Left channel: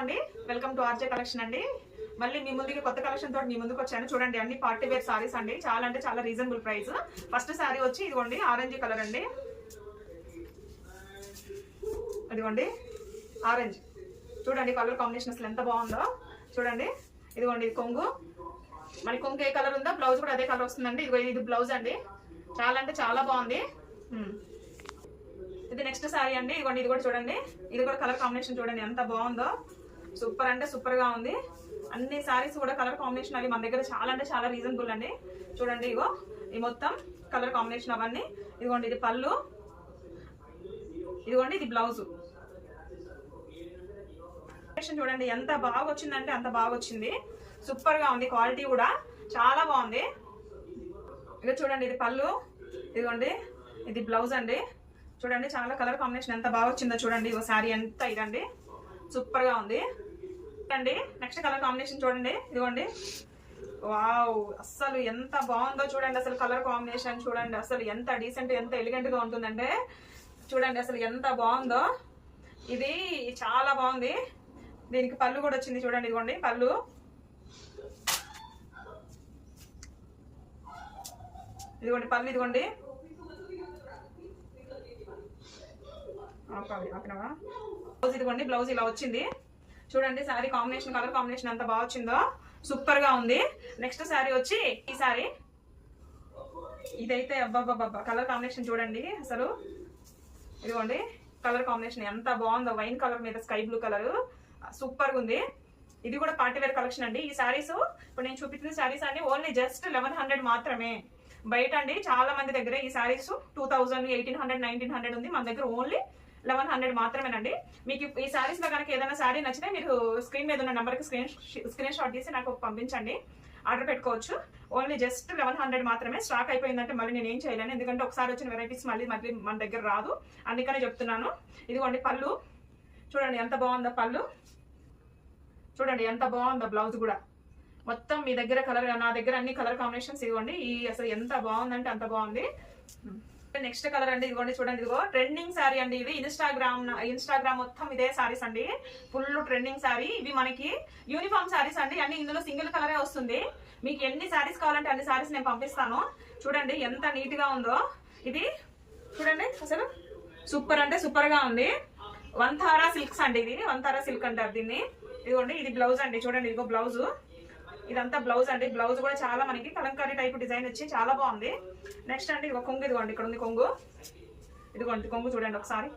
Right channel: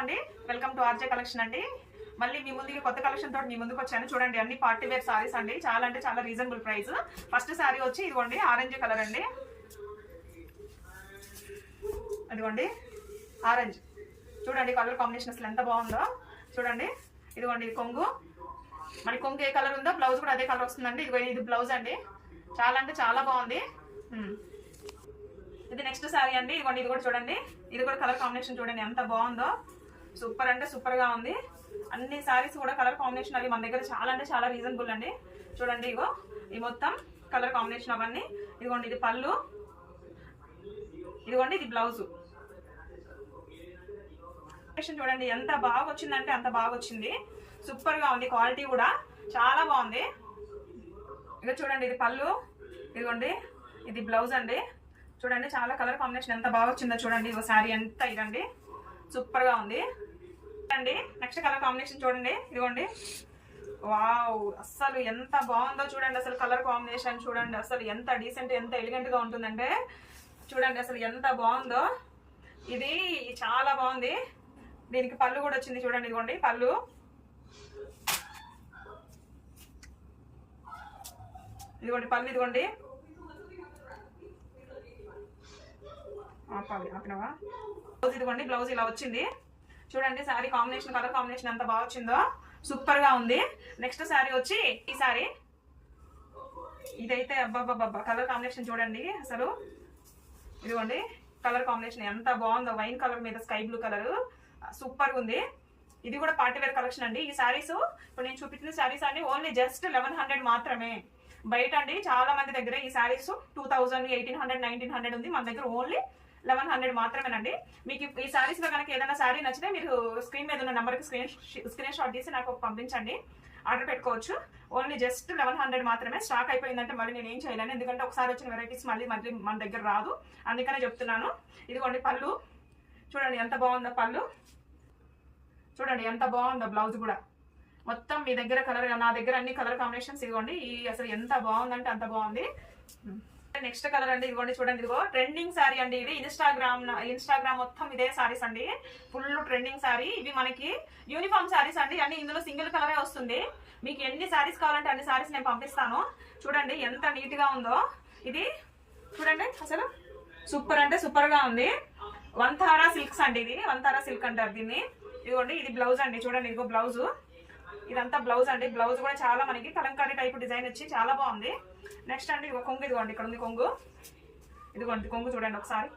అండి, welcome to RJ collection అండి. మళ్ళీ మీ ముందుకి కొత్త కలెక్షన్ తోటి మీ ముందుకు వచ్చాను. చూడండి, అన్ని పార్టీ వేర్ సారీస్ అండి. చాలా అంటే చాలా రీజనబుల్ ప్రైస్. ఫస్ట్ సారీ వచ్చి ఇదిగోండి ఆరెంజ్ కలర్ అండి. ఇదిగోండి ఆరెంజ్, చూడండి కలర్ కాంబినేషన్ అసలు ఎంత బాగుందో చూడండి. ఇదిగోండి ఇది కొంగు, మళ్ళీ కొంగు ఏ కలర్ ఉందో బ్లౌజ్ కూడా అదే కలర్ వస్తుందండి. ఇది బ్లౌజ్ అండి, చాలా అంటే చాలా బాగుంది. ఇది నెక్స్ట్ శారీ అండి. ఇదిగోండి ఇది కూడా చూడండి, ఇది కూడా కలర్ కాంబినేషన్ చూడండి ఎంత బాగుందో. సూపర్ అంటే సూపర్ గా ఉంది. అన్ని శారీస్ కూడా కలర్ కాంబినేషన్ అవి మన దగ్గర చాలా అంటే చాలా రీజనబుల్ అండి. చూడండి ఇగో ఈ మొత్తం కలర్ కాంబినేషన్ అవన్నీ. ఇదిగోండి ఇది పళ్ళు, ఇదిగోండి ఇది బ్లౌజ్. చూడండి ఎంత బాగా వచ్చిందంటే అంత బాగా వచ్చింది. సూపర్ గా ఉంది, క్వాలిటీ కూడా చాలా బాగుంది. ఇక చూడండి ఇది పళ్ళు, ఇదిగోండి ఇది బ్లౌజ్ అండి. చూడండి చాలా కలర్ కాంబినేషన్ ఎంత బాగా వచ్చిందో చూడండి. ఇగో శారీ ఎంత ఇదండి, సూపర్ గా ఉంది అండి. నెక్స్ట్ కలర్ కాంబినేషన్ చూడండి, ఇదిగోండి వావ్, అస్సలు ఎంత బాగుందో చూడండి. అసలు కలర్ కాంబినేషన్ చూడండి, అసలు ఎంత డీసెంట్ ఎంత ఎలిగెంట్ గా ఉంటుందంటే చూడండి అసలు ఎంత బాగుందో. ఇది చాలా బాగుంది. దీనికి పళ్ళు కూడా వచ్చింది చూడండి, ఇదిగోండి పళ్ళు. ఇదిగోండి పళ్ళు, ఇదిగోండి ఆపినవా బ్లౌజ్. ఇదిగోండి బ్లౌజ్ ఇలా వచ్చింది చూడండి. శారీ కాంబినేషన్ కలర్ కాంబినేషన్ ఎంత బాగా వచ్చిందో, సూపర్ గా ఉంది. నెక్స్ట్ శారీ వచ్చి ఈ శారీ. ఇదైతే అబ్బాబ్బాబ్బా కలర్ కాంబినేషన్ చూడండి అసలు. ఇదిగోండి కలర్ కాంబినేషన్ ఎంత బాగుందో, వైన్ కలర్ మీద స్కై బ్లూ కలర్, సూపర్ ఉంది. ఇది కూడా పార్టీ వేర్ కలెక్షన్ అండి. ఈ శారీస్ ఇప్పుడు నేను చూపించిన శారీస్ అన్ని ఓన్లీ జస్ట్ 1100 మాత్రమే. బయట అండి చాలా మంది దగ్గర ఈ శారీస్ 2000, 1800, 1900 ఉంది. మన దగ్గర ఓన్లీ 1100 మాత్రమేనండి. మీకు ఈ శారీస్ లో కనుక ఏదైనా శారీ నచ్చితే మీరు స్క్రీన్ మీద ఉన్న నెంబర్ కి స్క్రీన్ షాట్ తీసి నాకు పంపించండి, ఆర్డర్ పెట్టుకోవచ్చు. ఓన్లీ జస్ట్ 1100 మాత్రమే. స్టాక్ అయిపోయిందంటే మళ్ళీ నేను ఏం చేయలేను, ఎందుకంటే ఒకసారి వచ్చిన వెరైటీస్ మళ్ళీ మన దగ్గర రాదు, అందుకనే చెప్తున్నాను. ఇదిగోండి పళ్ళు, చూడండి ఎంత బాగుందో పళ్ళు, చూడండి ఎంత బాగుందో బ్లౌజ్ కూడా. మొత్తం మీ దగ్గర కలర్, నా దగ్గర అన్ని కలర్ కాంబినేషన్స్. ఇదిగోండి ఈ అసలు ఎంత బాగుందంటే అంత బాగుంది. నెక్స్ట్ కలర్ అండి, ఇదిగోండి చూడండి, ఇదిగో ట్రెండింగ్ శారీ అండి. ఇది ఇన్స్టాగ్రామ్ మొత్తం ఇదే శారీస్ అండి, ఫుల్ ట్రెండింగ్ శారీ. ఇవి మనకి యూనిఫామ్ శారీస్ అండి, అన్ని ఇందులో సింగిల్ కలరే వస్తుంది. మీకు ఎన్ని శారీస్ కావాలంటే అన్ని శారీస్ నేను పంపిస్తాను. చూడండి ఎంత నీట్ గా ఉందో ఇది, చూడండి అసలు సూపర్ అంటే సూపర్ గా ఉంది. వంతారా సిల్క్స్ అండి, ఇది వంతారా సిల్క్ అంటారు దీన్ని. ఇదిగోండి ఇది బ్లౌజ్ అండి, చూడండి ఇదిగో బ్లౌజ్. ఇదంతా బ్లౌజ్ అండి. బ్లౌజ్ కూడా చాలా మనకి కలంకారీ టైప్ డిజైన్ వచ్చి చాలా బాగుంది. నెక్స్ట్ అండి ఇదిగో కొంగు, ఇదిగోండి ఇక్కడ ఉంది కొంగు. ఇదిగోండి కొంగు చూడండి ఒకసారి.